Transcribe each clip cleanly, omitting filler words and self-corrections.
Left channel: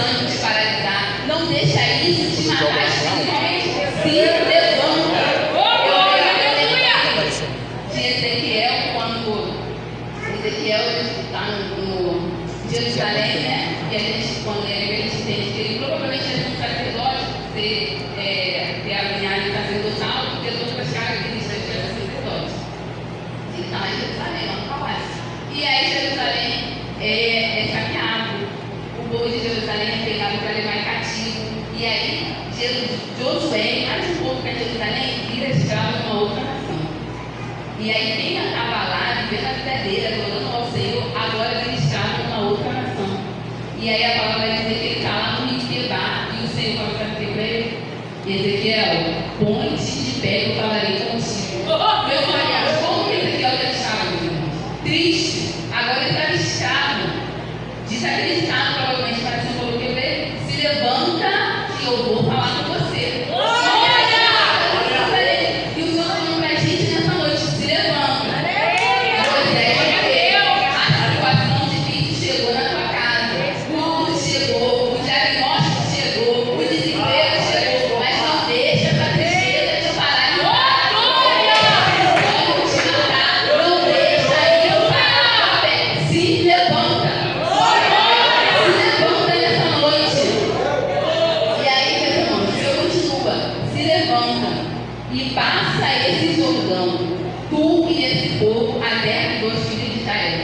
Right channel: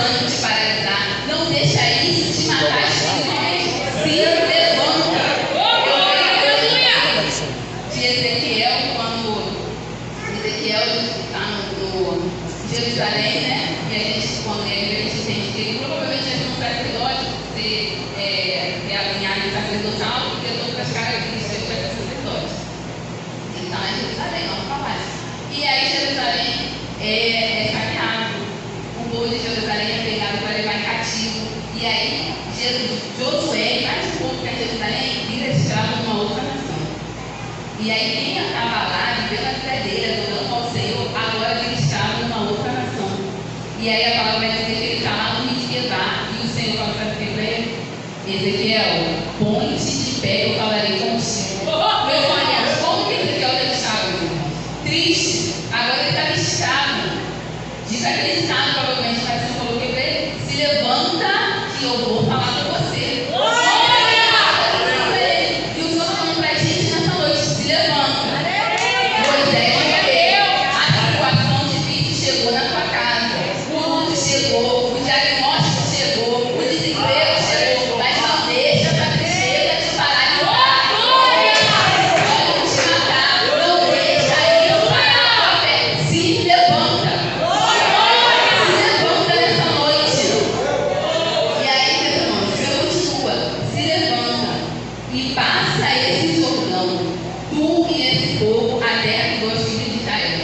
desânimo te paralisar. Não deixa isso te matar espiritualmente. Se levanta. De Ezequiel, quando Ezequiel está no Jerusalém, né? E a gente, quando ele entende que ele provavelmente é um sacerdote, ter a linhagem sacerdotal, porque todas as características para sacerdote. Então é Jerusalém, não palácio. E aí Jerusalém é saqueado. O povo de Jerusalém é pegado para levar em cativo. E aí Josué, mais um povo que é Jerusalém, vira escravo de uma outra nação. E aí quem estava lá, vivendo a vida dele, adorando ao Senhor, agora vira escravo de uma outra nação. E aí a palavra vai dizer que ele está lá no rio de Quebar, e o Senhor fala para ele, Ezequiel, põe-te de pé, eu falarei contigo. Meus olhos, como que Ezequiel estava, irmãos? Triste, agora ele estava escravo, desacreditado provavelmente, mas o Senhor falou que ele se levanta que eu vou falar com você. E o Senhor está falando para a gente nessa noite, se levanta. Moisés morreu, a situação difícil chegou na tua casa, o luto chegou, o diagnóstico chegou, o desemprego chegou, mas não deixa essa tristeza te paralisar. Pode te matar, não deixa isso parar a tua fé. Se levanta. Se levanta nessa noite. E aí, meus irmãos, o Senhor continua, se levanta e passa esse Jordão, tu e esse povo, a terra dos filhos de Israel.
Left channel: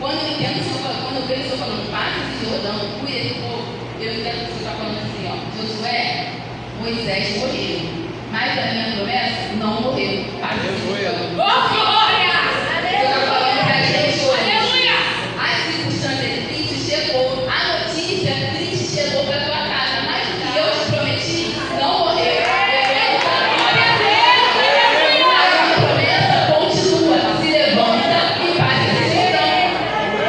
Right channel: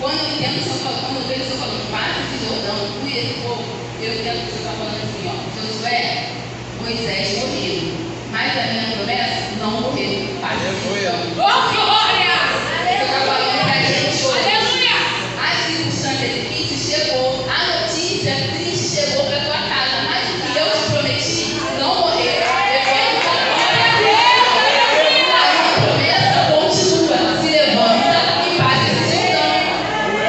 Quando eu entendo o Senhor falando, quando eu vejo o Senhor falando, passa esse Jordão, tu e esse povo, eu entendo que o Senhor está falando assim, ó, Josué, Moisés morreu, mas a minha promessa não morreu. Passa esse Jordão. Glória! Você está falando que a gente hoje, as circunstâncias difíceis chegou, a notícia triste chegou para a tua casa, mas o que eu te prometi não morreu. A minha promessa continua, se levanta e faz esse Jordão.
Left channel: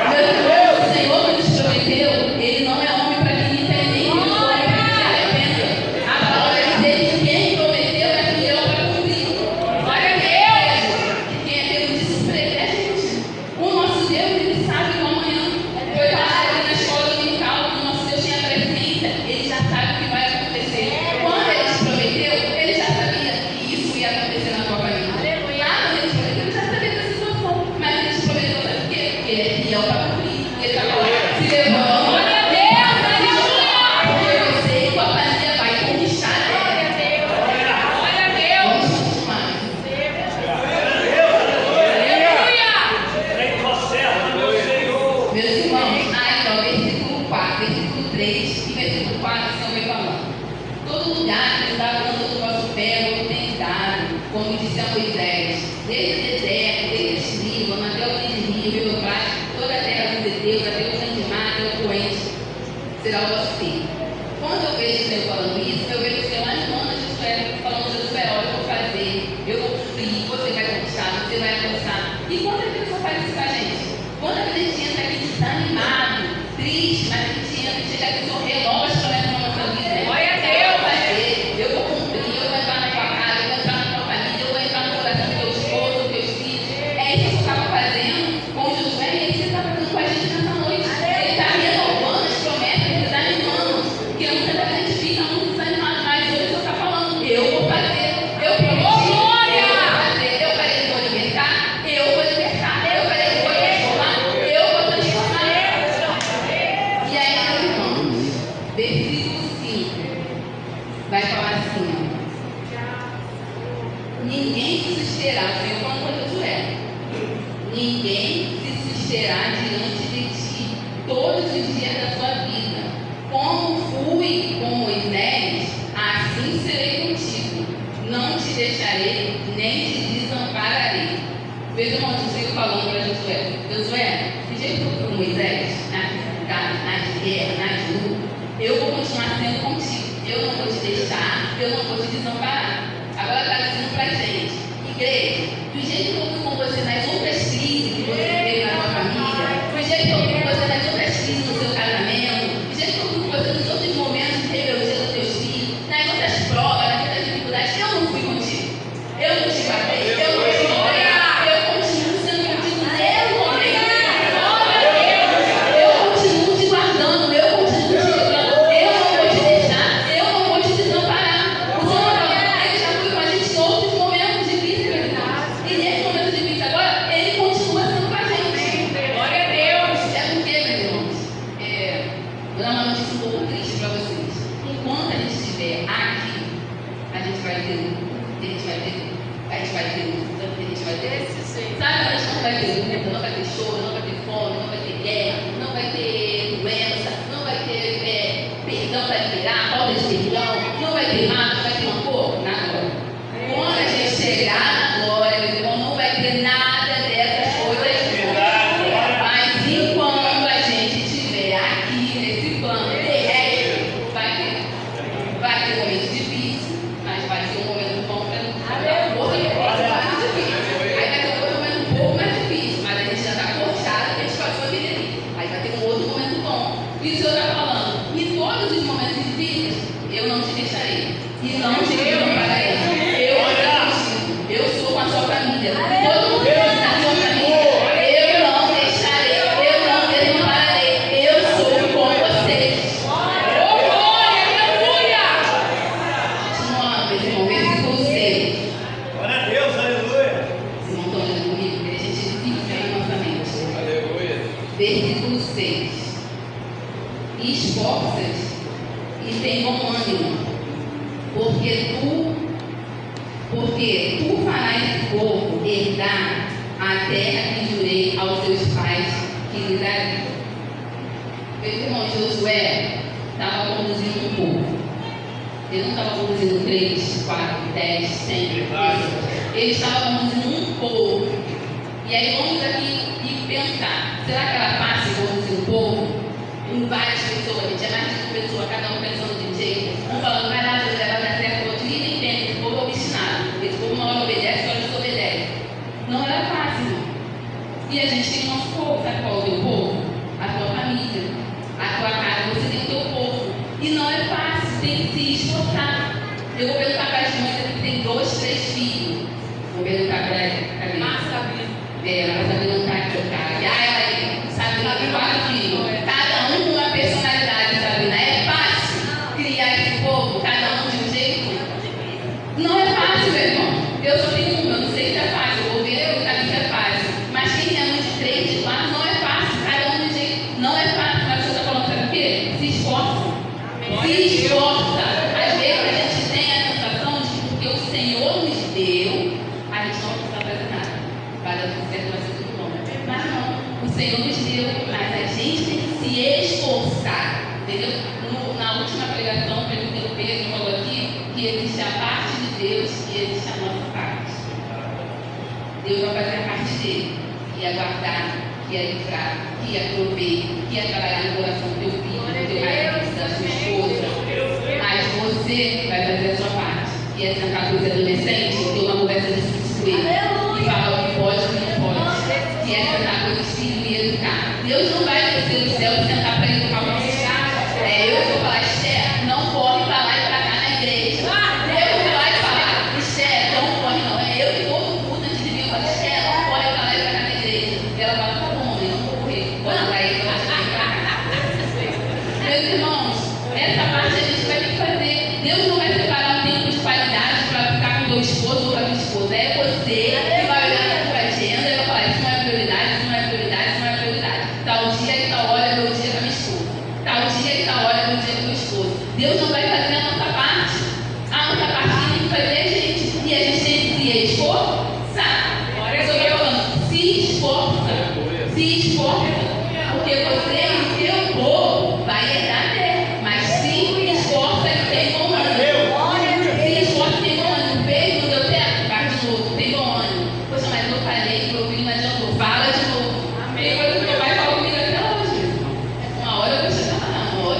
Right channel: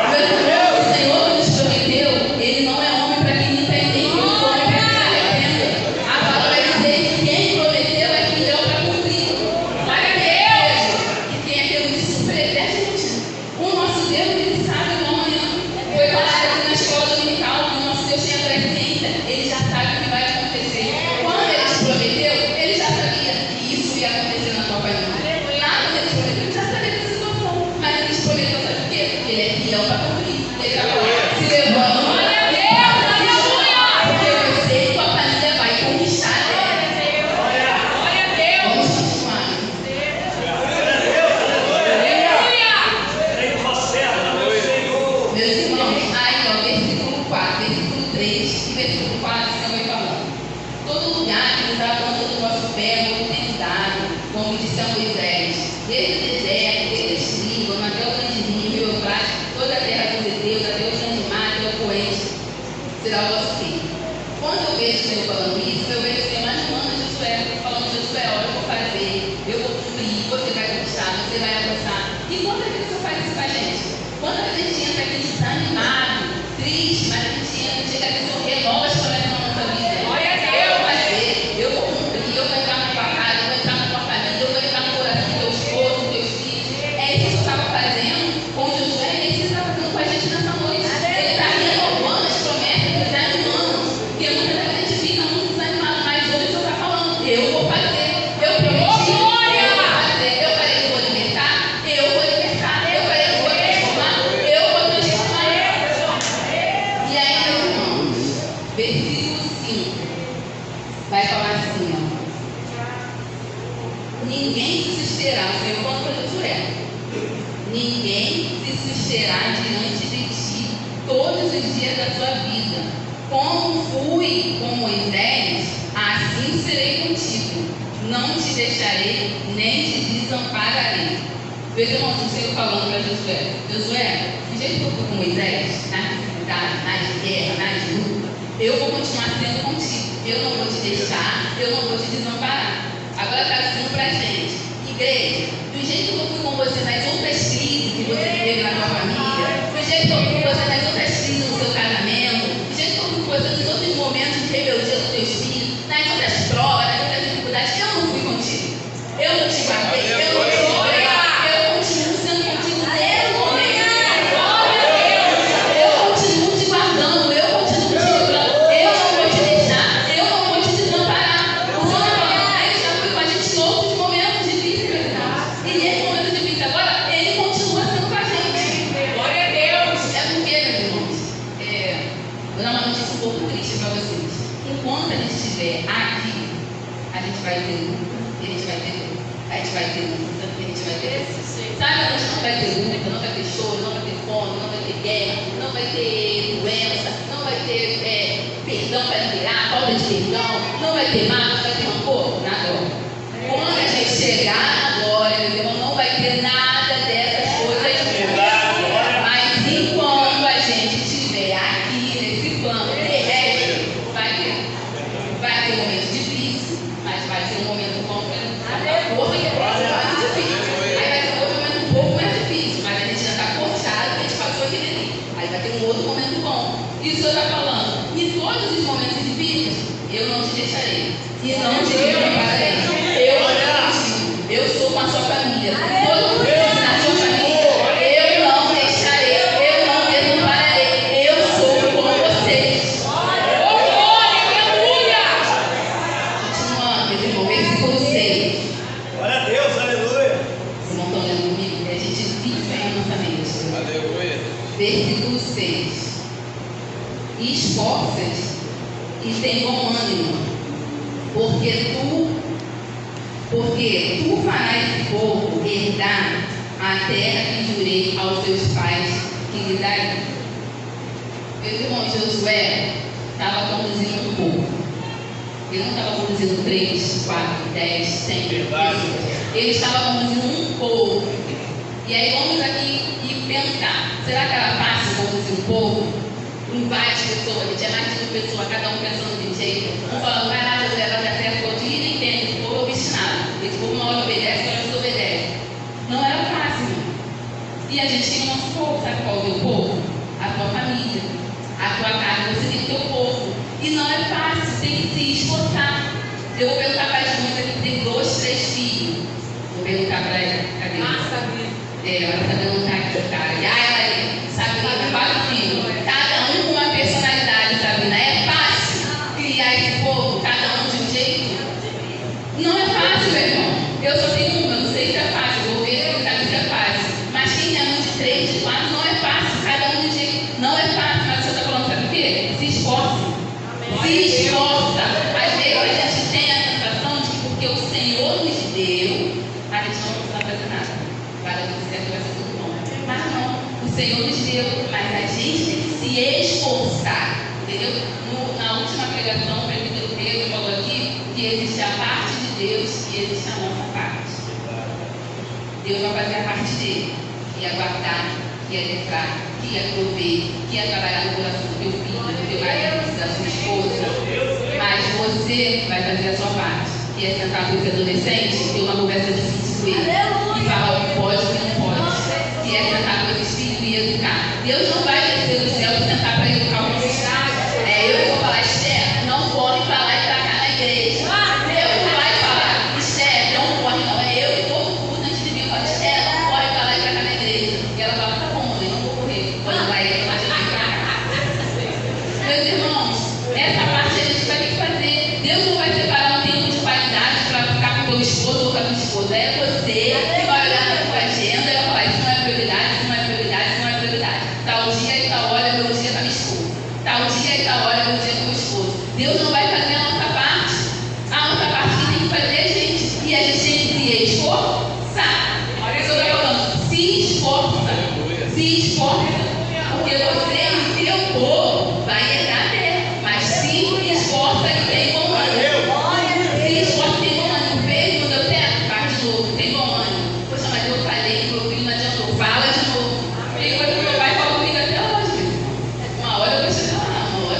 Meus irmãos, o Senhor que nos prometeu, Ele não é homem para que me entenda, nem filho do homem para que se arrependa. A palavra vai dizer que quem prometeu é fiel para cumprir. Glória a Deus! E quem é pego de surpresa é a gente. O nosso Deus, Ele sabe que amanhã foi falado aqui na escola dominical, que o nosso Deus tinha presciência, Ele já sabe o que vai acontecer. Quando Ele te prometeu, Ele já sabia que isso ia acontecer na tua família. Lá quando Ele te prometeu, Ele já sabia da situação. Mas Ele te prometeu, sabe por quê? Porque Ele é fiel para cumprir. Ele vai falar, se levanta, porque eu sei que a família vai conquistar a terra. Vamos continuar. Meus irmãos, aí ó, versículo 4, versículo 3 e versículo 4 estão aí falando. Todo lugar que está plantando o vosso pé, eu tenho dado, como disse a Moisés, desde o deserto, desde este Líbano, até o grande rio, Rio Eufrates, toda a terra dos heteus, até o grande mar, até o poente, será o vosso filho. Quando eu vejo o Senhor falando isso, eu vejo o Senhor mais humano, Josué, falando, Josué, olha, eu vou fazer, eu vou cumprir, você vai conquistar, você vai avançar. E quando a pessoa faz isso com a gente? Quando a gente entra aqui desanimado, triste, mas a gente entra, chega a pessoa renova as promessas na nossa vida. Eu vou fazer, eu vou cumprir, eu vou entrar na tua casa, eu vou entrar na tua família, eu vou entrar no coração do teu esposo, dos teus filhos. É isso que eu estava fazendo com Josué, é isso que ele está fazendo com a gente nessa noite. Ele está renovando as promessas, desanimando, porque muitas vezes a gente fica muito desanimado, mas hoje o Senhor está falando, eu vou fazer, eu prometi, eu vou fazer, eu falei que vou libertar, eu vou libertar, eu falei que vou transformar, eu vou transformar. E aí, meus irmãos, versículo 5 vai falar assim, ó. Ninguém se susterá, o Senhor falando para Josué, ninguém se susterá diante de ti todos os dias da tua vida. Como fui com Moisés, assim serei contigo. Não te deixarei, nem te desampararei. Veja, irmãos, o Senhor falando para Josué, Josué, do jeito que eu fui com Moisés, nas dificuldades, nas guerras, nas lutas, eu vou continuar sendo contigo. Eu não vou te deixar, eu não vou te desamparar. Agora traduzindo para a gente, igreja, do jeito que eu fui com você nas outras crises que você teve na sua família, do jeito que eu fui com você nas outras crises no seu casamento, do jeito que eu fui com você nos outros momentos de rebeldia dos teus filhos, nas outras provas, nas outras dificuldades, eu não fui contigo. Eu não te guardei, eu não te livrei, eu continuo sendo contigo desde o momento. Eu continuo te guardando, eu continuo te livrando, eu Vou dar uma notícia um pouco triste para vocês. Enquanto a gente estiver aqui, a gente vai ter luta, a gente vai ter luta, a gente vai ter luta, a gente vai ter luta. Sabe, a gente não vai ter luta, não vai ter choro, não vai ter fome, não vai ter guerra, não vai ter doença, não vai ter perdão para liberar, falta de perdão, não vai ter mágoa, não vai ter rancor, nada. Quando a gente chegar na glória, meu irmão, não vai ter nada dessas coisas. Mas enquanto a gente estiver aqui nesse plano terrestre, vai ter momentos difíceis, mas vai ser um momento bom para dar força que é mais difícil. Aí vai ter um outro momento um pouco mais difícil, mas a gente já está forçado, a gente passou aquele ali. Aí vai ter um outro momento bom. E o Senhor está falando, em todos os momentos difíceis, eu não te deixarei. E não te desampararei. Eu sou com a sua família. Todo mundo está na sua família. Eu não deixarei. Eu não desampararei. Eu sou com vocês. Glória, aleluia! Continuando, meus irmãos, versículo 6. Glória a Deus, aleluia. Vocês não estão lendo comigo? A gente fixa na nossa mente. Aleluia. Versículo 6. Esforça-te e tem bom ânimo, porque tu farás esse povo herdar a terra que jurei aos seus pais que lhe daria. Meu irmão Josué estava conduzindo um povo. Ele não estava conduzindo 3, 4, 10, 100 pessoas. Ele estava conduzindo um povo. E aí vamos aqui e pensar, será que era fácil conduzir um povo? Com várias pessoas, que tinha mais de 5 pessoas, cada um pensando de um jeito, um falando, vai lá, José, vai dar certo, outro dia nem entende, esse povo é obstinado, esse povo uma hora obedece, outra desobedece. Não era fácil, não. E a gente tem o nosso povo, sabe qual é o teu povo? A tua família, a tua casa, você tem o teu povo. E não é fácil, tem que se esforçar. Eu vou perguntar para as mães aqui que tem 2, 3 filhos. Vou perguntar para ela, cadê? Ela está perguntando aqui, cara. E aí, sabe, 4 filhos. Cada um com uma personalidade, sabe? Não é fácil criar esse povo, cada um de um jeito. Não é fácil, meu irmão. Eu só tenho um, eu não sei se é fácil. Eu vou ver o caminho se é fácil. Mas quem tem um de 3, de 4, não é fácil. Cada um de um jeito. Não é fácil. Mas você está falando, sabe o quê? Se esforça. Se esforça. Às vezes a gente tem a sensação de que porque o Senhor nos deu, a gente não precisa fazer nada. Vai dar tudo certo, vai ser tudo bom. Mas não. O Senhor nos deu, mas a gente tem que se esforçar, entendeu? Na última pregação, o presbítero Pedro falou aqui que existe a parte de Deus e existe a nossa parte. Deus vai fazer a parte dele, que é guardar, que é livrar, que é prover, que é trabalhar no coração do teu filho, do teu marido, da sua esposa. Mas você vai fazer a sua parte, que é sentar com os adolescentes e ter uma conversa difícil com eles e falar o que pode e o que não pode, que é sentar com os filhos e educar. Deus não vai descer do céu e sentar para educar o nosso filho. Eu vou falar, Esther, não corre para lá e para cá na igreja. Eu vou lá e falar, Esther, não corre não. É eu que corro tudo antes de vir. Eu falo, Esther, não corre para lá e para cá na igreja. E ela fala, tá bom, eu não vou correr. Quando vai ir, ela já vem para cá. Meus irmãos, essa parte a gente vai ter que fazer. Deus não vai separar um tempo de qualidade para ficar com teu esposo ou com a tua esposa. É você que vai olhar para a tua agenda e vai falar, isso não é prioridade, isso não é prioridade, isso não é prioridade. Tal dia e tal hora é meu dia com a minha esposa. Tal dia e tal hora é meu dia com o meu esposo. Deus não vai fazer a nossa parte. A nossa parte que tem que fazer, gente. E a gente tem que se esforçar. Olha o que eu estou falando. Se esforça. Se esforça. Porque você e o teu povo vai herdar a terra. Mas se esforça e tem bom ânimo. Se esforça e tem bom ânimo. Fez, não deu certo? Faz de novo. Tem bom ânimo. Poxa, mas eu falei, meu filho não adiantou. Fala de novo. Tem coisa que meu pai fala comigo até hoje. Uma hora eu vou chegar lá, uma hora.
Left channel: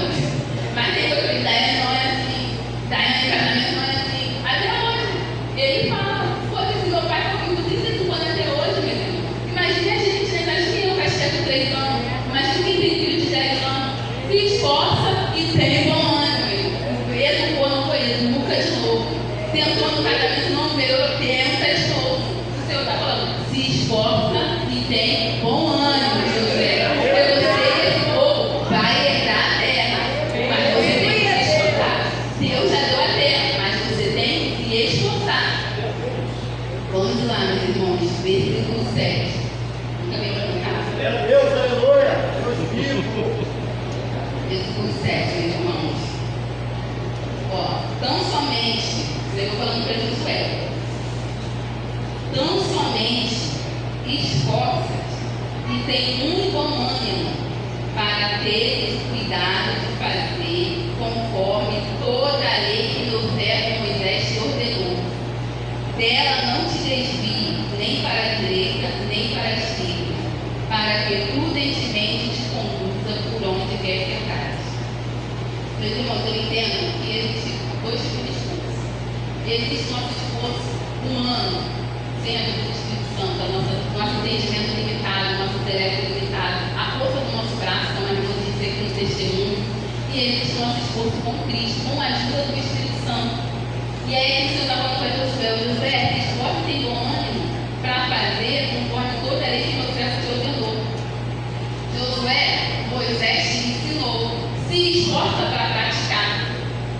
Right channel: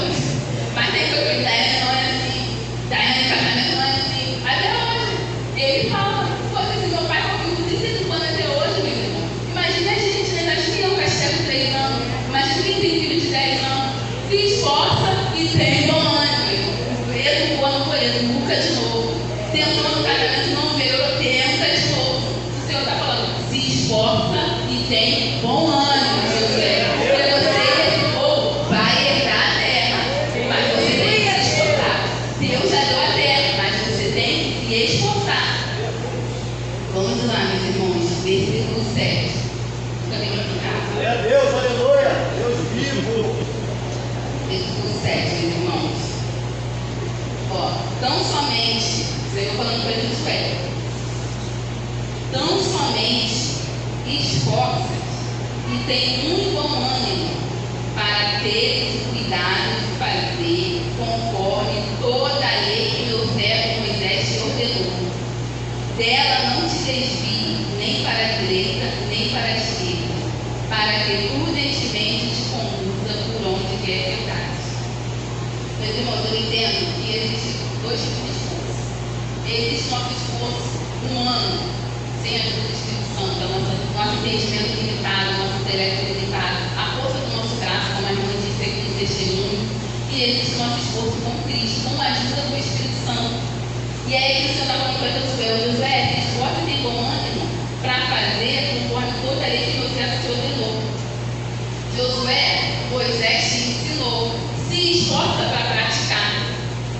Mas tem coisa que Daiane não é assim. Daiane em casamento não é assim. Até hoje. Ele fala. Poxa, se meu pai fala comigo 35 anos até hoje, meu irmão. Imagina a gente, né? Imagina eu, Castelo, com 3 anos. Imagina quem tem filho de 10 anos. Se esforça e tem bom ânimo, meu irmão. Educou, não foi educa de novo. Tentou no casamento, não melhorou, tenta de novo. O Senhor está falando, se esforça e tem bom ânimo, José. Porque você e esse povo vai herdar a terra. Mas você tem que se esforçar. Deus já deu a terra, mas você tem que se esforçar. Vamos lá, meus irmãos, versículo 7. Fica bem no carro. Glória a Deus, aleluia. Deus vivo. Versículo somente, o Senhor falando para Josué, tão somente esforça e tem um bom ânimo para ter cuidado de fazer conforme toda a lei que meu servo Moisés te ordenou. Dela não te desvie nem para a direita nem para a esquerda, para que prudentemente te conduza por onde quer que andares. Meus irmãos, eu entendo que existem dois tipos de esforço. Existe nosso esforço humano, sem a ajuda do Espírito Santo, nosso entendimento limitado, nosso intelecto limitado, a força do nosso braço, como a irmã disse aqui no testemunho, e existe nosso esforço com Cristo, com a ajuda do Espírito Santo. E aí que o Senhor está falando para Josué, se esforça e tem bom ânimo para fazer conforme toda a lei que meu servo te ordenou. Josué, Moisés te ensinou, se esforça para praticar.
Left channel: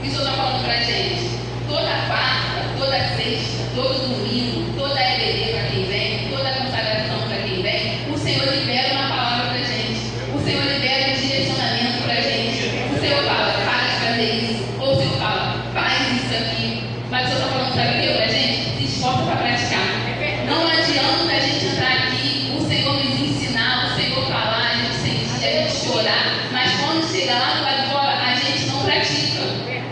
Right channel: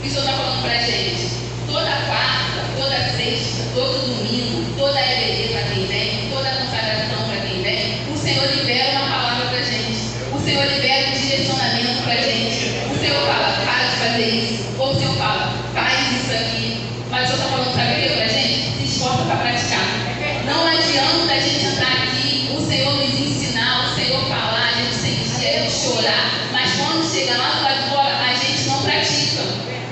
E o Senhor está falando para a gente, toda quarta, toda sexta, todo domingo, toda a EBD para quem vem, toda a consagração para quem vem, o Senhor libera uma palavra para a gente, o Senhor libera um direcionamento para a gente, o Senhor fala, para de fazer isso, ou o Senhor fala, faz isso aqui, mas o Senhor está falando, sabe o que para a gente? Se esforça para praticar. Não adianta a gente entrar aqui, o Senhor nos ensinar, o Senhor falar, a gente sentir, a gente chorar, mas quando chegar lá do lado de fora, a gente não pratica.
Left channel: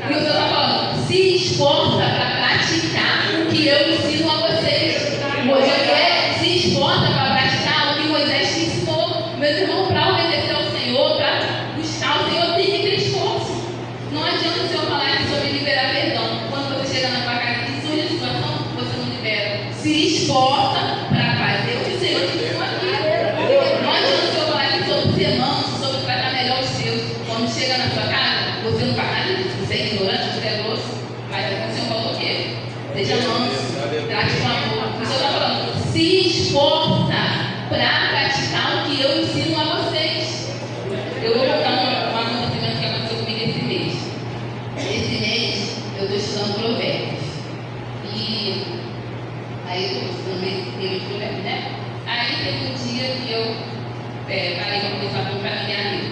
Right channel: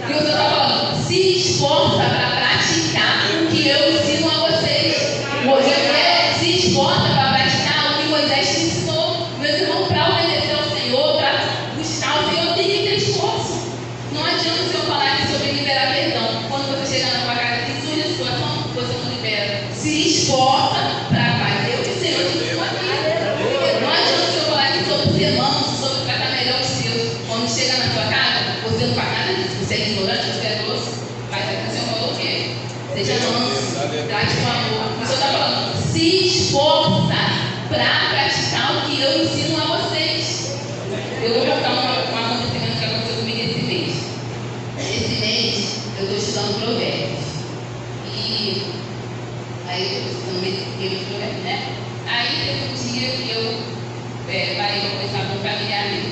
E o Senhor está falando, se esforça para praticar o que eu ensino a vocês. Moisés se esforça para praticar o que Moisés te ensinou. Meus irmãos, para obedecer ao Senhor, para buscar o Senhor, tem que ter esforço. Não adianta o Senhor falar aqui sobre liberar perdão. Quando você chega na sua casa e surge a situação, você não libera. Se esforça para fazer o que o Senhor te ensinou aqui. Não adianta o Senhor falar aqui sobre ser manso, sobre tratar melhor os seus. Quando chega na sua casa, você não faz nada disso. Você é ignorante, você é grosso. Mas aqui o Senhor falou o quê? Seja manso, trate com amor. O Senhor está falando, se esforça para praticar o que eu ensino a vocês. Eu vou contar um acontecimento que aconteceu comigo esse mês. Esse mês eu estou estudando Provérbios. E aí eu estou estudando meio de Provérbios, né? Aí teve um dia que eu parei para conversar com um familiar meu.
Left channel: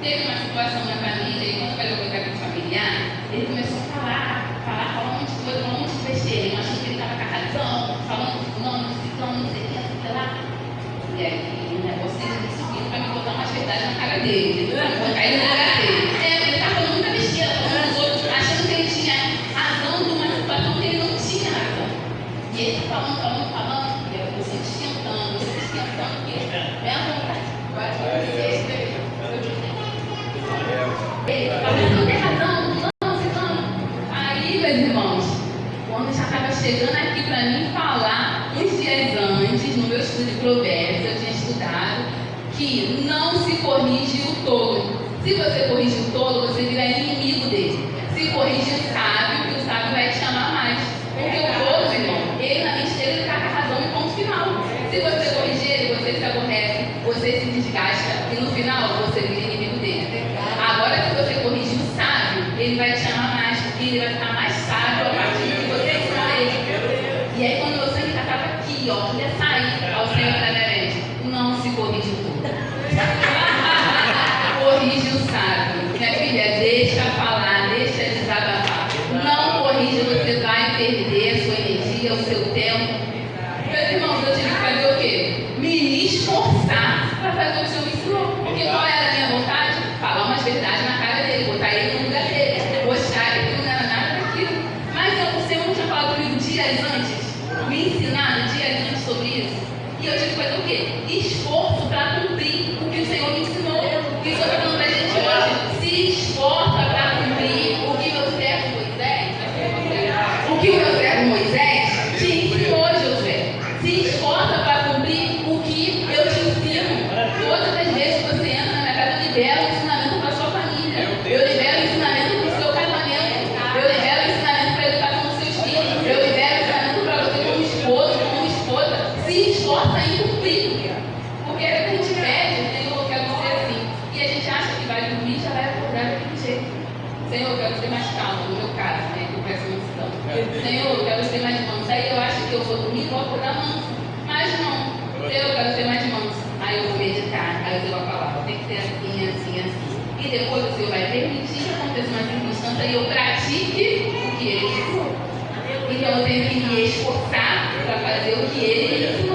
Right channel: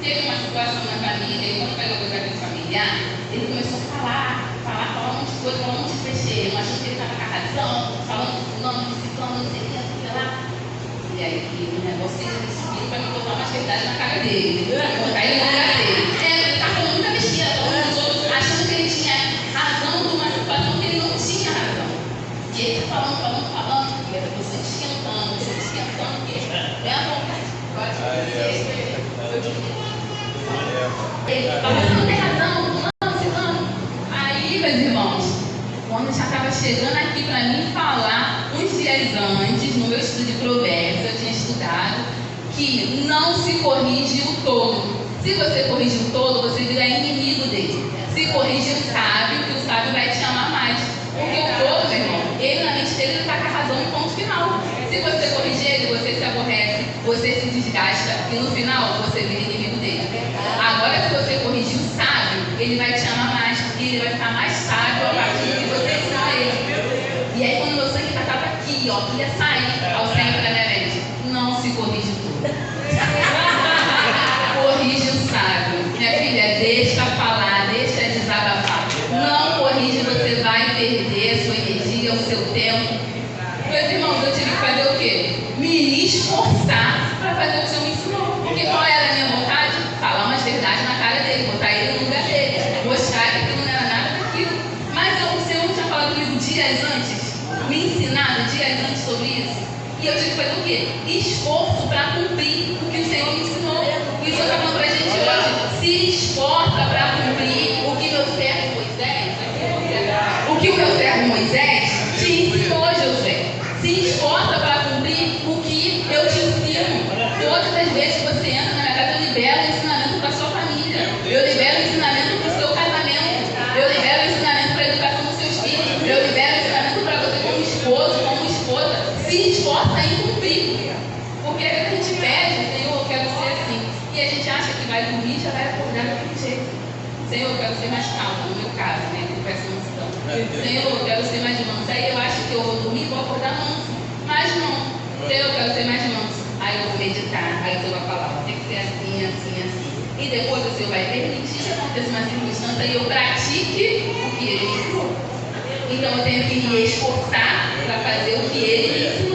Teve uma situação na família, e quando eu parei para conversar com esse familiar, ele começou a falar um monte de coisa, um monte de besteira, achando que ele estava com a razão, falando de fulano, de ciclano, não sei o que, não sei o que lá. E aí o negócio dele subindo para me botar umas verdades na cara dele, botar ele no lugar dele. Ele está falando muita besteira, falando dos outros, achando que ele tinha razão de uma situação que ele não tinha razão. E ele está falando, e a pessoa esquentando, que é a vontade. Agora eu digo, ele fala, você não tem razão, Aí, meus irmãos, quando já estava chegando aqui para mim falar, uns dias antes, no meu estudo de Provérbios, eu tinha estudado que não se corrige o tolo. Se você corrigir o tolo, você vira inimigo dele. Se corrigir o sábio, que o sábio vai te amar mais. Porque o tolo, meu irmão, ele na mente dele está com a razão no ponto final. Se você corrigir ele, você se aborrece, você se desgasta e no final você vira inimigo dele. Agora, se você corrigir o sábio, ele vai te amar mais, porque ele vai ficar mais sábio a partir do que você ensina a ele. E aí, quando meu sangue estava aqui, ó, ia sair ao centro da minha mente, não se corrige tudo. Corrige o sábio. Minha filha, deixa falar, deixa desabafar. Não corrige, você vai perder a sua energia, o seu tempo. Meus irmãos, eu tive que fazer o quê? Me esforçar para fazer o que o Senhor me ensinou. Porque qual era a minha vontade? Falar umas verdades na cara dele, botar ele no lugar dele, mostrar que aquilo não era nada daquilo. Mas o Senhor não tinha falado comigo dias antes, me ensinado dias antes sobre isso. E eu tive que fazer o quê? Esforço para cumprir o que o Senhor me ensinou. E o Senhor está falando para a gente hoje, se esforça para cumprir o que meu servo Moisés, te ensinou, Josué. Se esforça para cumprir o que eu te ensino. Todas as vezes que você entra na minha casa, eu libero o ensinamento para a sua família. Eu libero o ensinamento para o seu casamento. Eu libero o ensinamento para a educação dos seus filhos. Eu libero o ensinamento para você como esposo, como esposa. Se esforça em cumprir. Porque às vezes a gente pede, Senhor, eu quero ser assim. E a gente acha que vai dormir e já vai acordar daquele jeito. Senhor, eu quero ser mais calma, no meu caso, né? Eu peço música. Senhor, eu quero ser mais manso. Aí eu acho que eu vou dormir e vou acordar manso. Mas não. Senhor, eu quero ser mais manso. Aí eu vou meditar. Aí o Senhor vai falar, tem que ser assim, assim, assim. E depois o Senhor vai permitir que aconteça uma circunstância e eu pratique o que Ele ensinou. Então eu tenho que me esforçar para fazer o que ele me ensinou.